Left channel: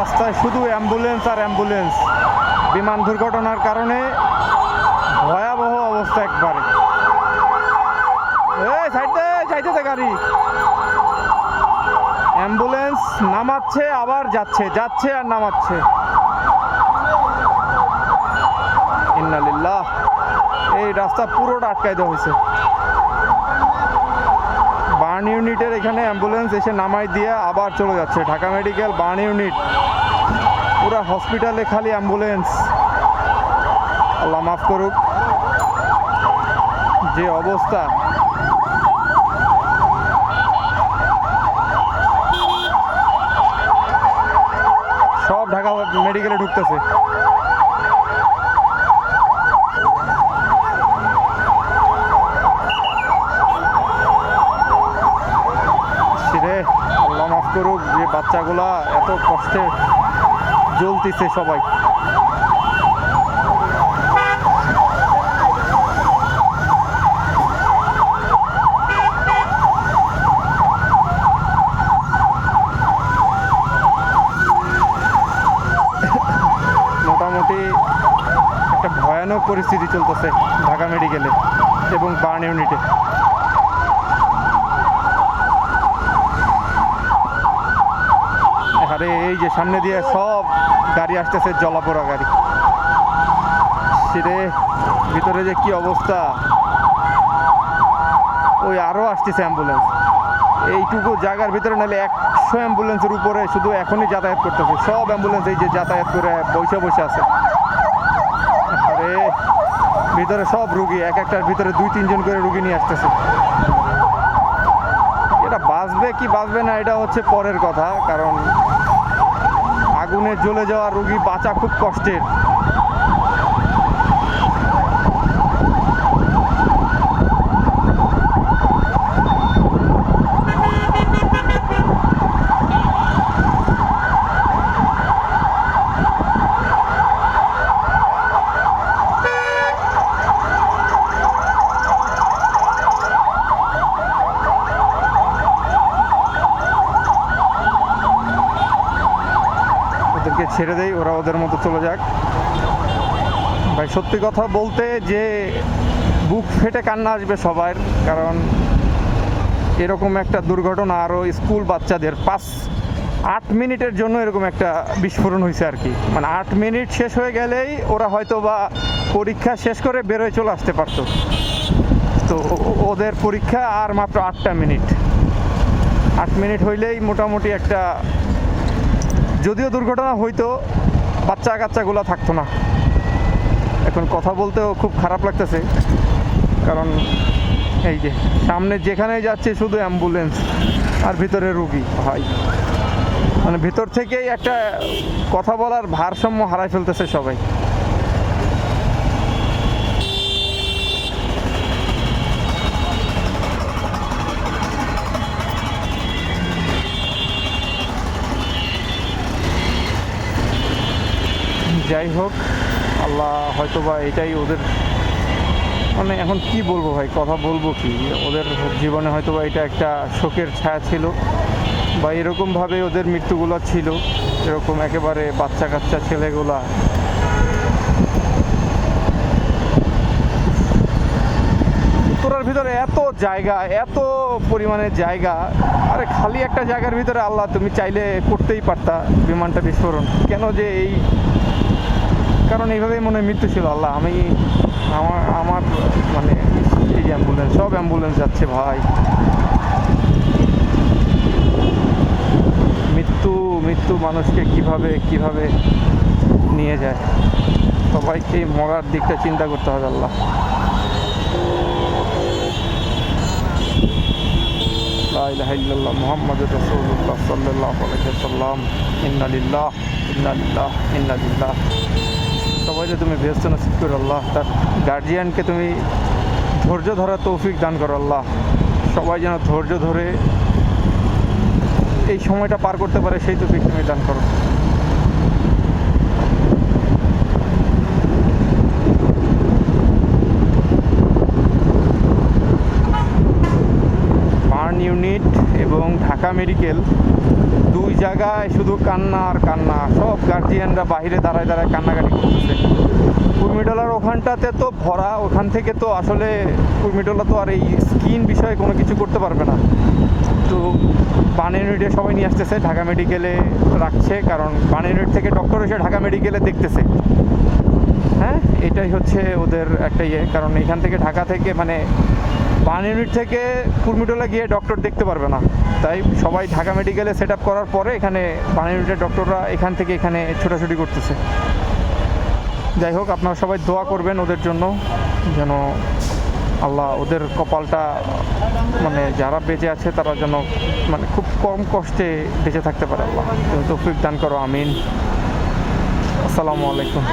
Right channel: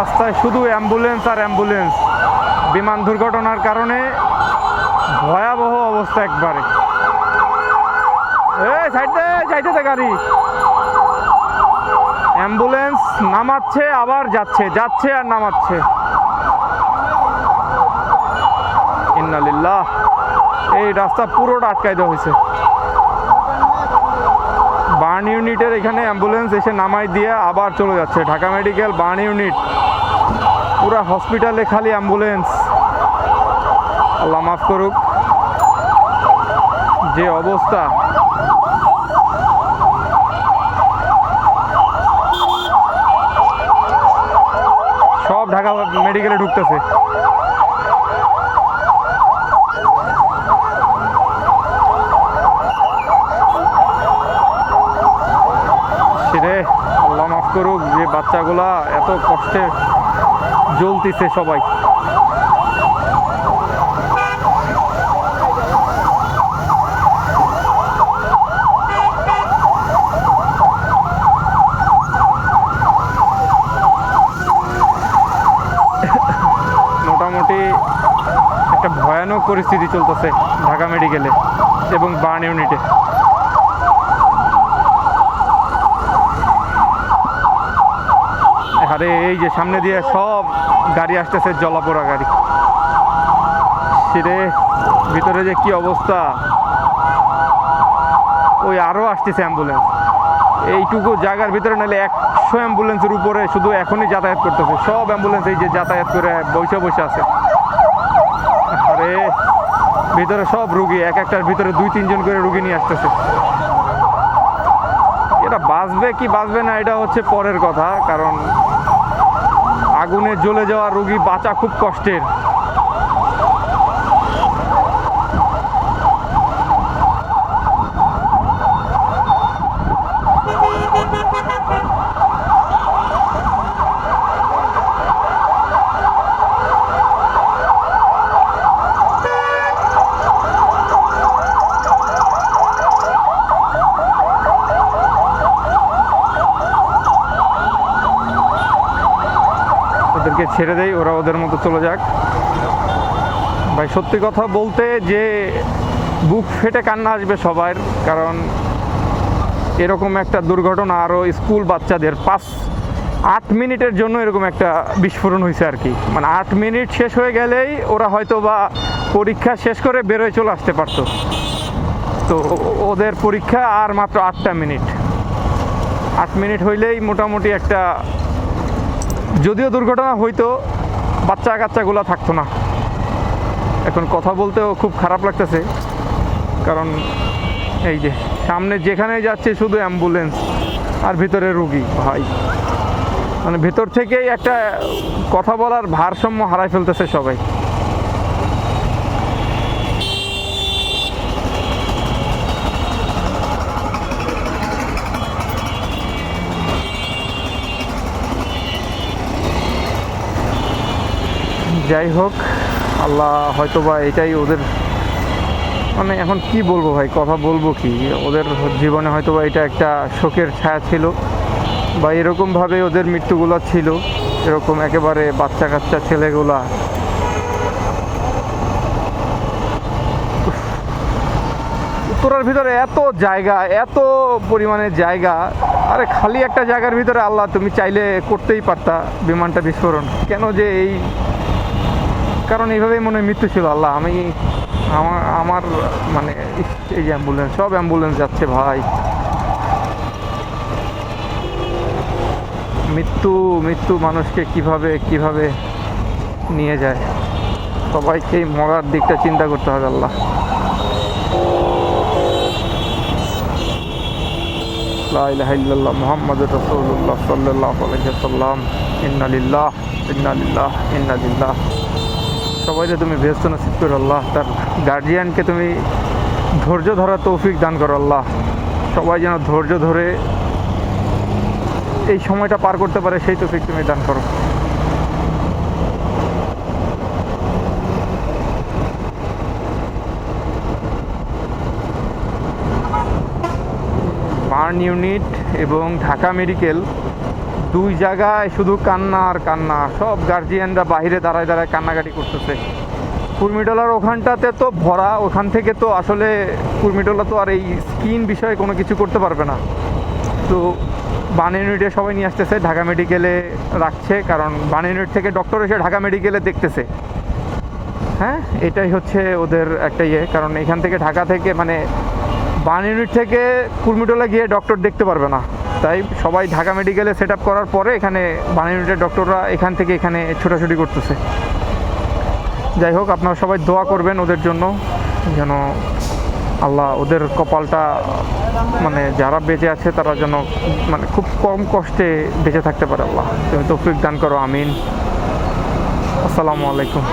রাস্তায় শুধু অ্যাম্বুলেন্স আর অ্যাম্বুলেন্স। বিমান দুর্ঘটনার কারণে ভয়াবহ অবস্থা একবারে। এই গাড়ি। অ্যাম্বুলেন্স নামাচ্ছে, আবার যাচ্ছে যাচ্ছে আর নামাচ্ছে। ইন্নালিল্লাহ, এই রাস্তা পুরোটা আটকাই দেওয়া হয়েছে। বার্ন ইউনিটের এখানে অ্যাম্বুলেন্স এসে নামাই দিয়ে আবার চলে যাচ্ছে। Dhaka medical burn unit. পুরা হসপিটালে খালি অ্যাম্বুলেন্স। আল্লাহ মাফ করুক। যে অবস্থা। সব ঢাকা মেডিকেলে ঢুকতেছে। রে, আল্লাহ মাফ করুক যে বাচ্চাগুলা এত কষ্টে জ্বলতিছে সবাই। মোটামুটি একটা ভয়ানক পরিস্থিতি চলতেছে ঢাকা মেডিকেলে এবং বার্ন ইউনিটে। আরে, এই যে সামনে দিয়ে সব গাড়ি আসতেছে, জলাপোড়া গাড়ি। সেরে ভিতরে যে কি অবস্থা? ওই আরও আসতেছে অ্যাম্বুলেন্স এইটুকু জায়গার ভিতরে নাহলে একশো অ্যাম্বুলেন্সের উপরে শুধু এখনই যাতায়াত করতেছে। সব অ্যাম্বুলেন্স এই যে যাতায়াত করে বসে বসে আছে। আরে, ভিতরে সব রুগী, এক একটার ভিতরে দুই তিনজন করে রুগী নিয়ে আসতেছে। এটা বাঁচবে কি বাঁচবে না, এটা হচ্ছে পরের কথা, কারণ আগুনে জ্বলে যাওয়া রোগী বাঁচা খুব কষ্টের। ওদেরকে ছেড়ে দেই, ওরা ওদের মতো চলে যাক। ভাই, সত্যি কথা বলতে যে বুক ফেটে কান্না আসবে সবার, কারণ এরকম একটা দুর্ঘটনা আরও স্কুল বাচ্চাদের পাঁচ, আট মিনিটের জন্য এরকম একটা বিস্ফোরণ হয়েছে আর কি। মানে আট মিনিট শেষ হয়ে গেলেই ওরা হয়তো বা পরীক্ষা শেষ করে বেরোয় চলে আসতে পারতো। তো ওদের পরীক্ষা আর মাত্র আটটা মিনিট। আট মিনিট হইলেই মোটামুটি একটা যদিও দুর্ঘটনা হইতো, বাচ্চা কাচ্চাগুলো থাকতো না। এখন কথা বলতেও খুব খারাপ লাগতেছে, কারণ এই যে সামনে যেখানে যাচ্ছে শুধু অ্যাম্বুলেন্স আর ভিতরে রুগী, ভাই। মানে ভেতর থেকেই একটা কথা বলার ভারসাম্য হারাই ফেলতেছে সবাই। যাই হোক, আল্লাহ হয়তো বা এটাই ওদের মানে এখন কি বলব ভাই, কথা বলব কি? ওদের জীবনে হয়তো বা এটা একটা শোকের ছায়া ছিল বা এরকমভাবে ওদের মৃত্যুগুলো ছিল, এরকম একেবারে বাচ্চা কাচ্চা ছেলেগুলা। উত্তরার ভিতরে এত জায়গা, এত পরিমাণে জায়গা, আরে খালি একটা জায়গার ভিতরে আল্লাহ তুমি চাইলে করতেই পারতা বিমানটা বিস্ফোরণ। কেন যে এই কারণ এইভাবেই মনে মৃত্যু ছিল, আল্লাহ, আমি আমার আমার মানে এই যে অ্যাম্বুলেন্স সব অ্যাম্বুলেন্স যাচ্ছে ভাই। মৃত্যু মৃত্যু মানুষকে কীভাবে কীভাবে নিয়ে যায়? সবাইকেই মরার দিকটা চিন্তা করতে হবে, আল্লাহ। ইলাহা ইল্লাল্লাহ মুহাম্মাদুর রাসূলুল্লাহ সাল্লাল্লাহু আলাইহি ওয়াসাল্লাম। সবাইকে তুমি ব্যস্ত নসিব করো, আল্লাহ তার গার্জিয়ানকে তুমি ধৈর্য ধরার তৌফিক দান করো, আল্লাহ। সবাই যেন ধৈর্য ধরে এই সময়টা পার করতে পারে, সেই তৌফিক তুমি দান করো। বার্ন ইউনিট এবং ঢাকা মেডিকেল দুই জায়গায় শুধু কান্না আর কান্না। সব গার্জিয়ানরা বাইরে দাঁড়ায় দাঁড়ায় কান্নাকাটি করতেছে। কুর্মিটোলার ওখানটাতে তো ভরা, ওখান থেকে তো আসলে কুর্মিটোলা তো আর এই স্কিন বিষয়ে কোনো কিছু করতে পারবে না। তো বান ইউনিটে সবাই নিয়ে আসতেছে, ঢাকা মেডিকেলে রাখছে, কারণ বান ইউনিট থেকে ডক্টর এসে ঢাকা মেডিকেলে দেখতেছে। হ্যাঁ? এটাই হচ্ছে ওদের একটা ইয়ে কারণ এখান থেকে ঢাকা থেকে মানে বান ইউনিট থেকে কুর্মিটোলা গিয়ে ডক্টর দেখতে পারবে না। তাই সবাই ঢাকা মেডিকেলে সেট করার পরে এখানে বান ইউনিটের ডক্টররা এখান থেকে এখানে ছোটাছুটি করতেছে। যাই হোক, আপনারা সবাই দোয়া করবেন ওদের জন্য, যেন আল্লাহ ওদের কপালটা মানে যারা বেঁচে আছে তারা যেন মানে খুব কম কষ্টে বেঁচে থাকতে পারে আল্লাহ। তুমি তৌফিক দান করো, আমিন। আসসালামু আলাইকুম।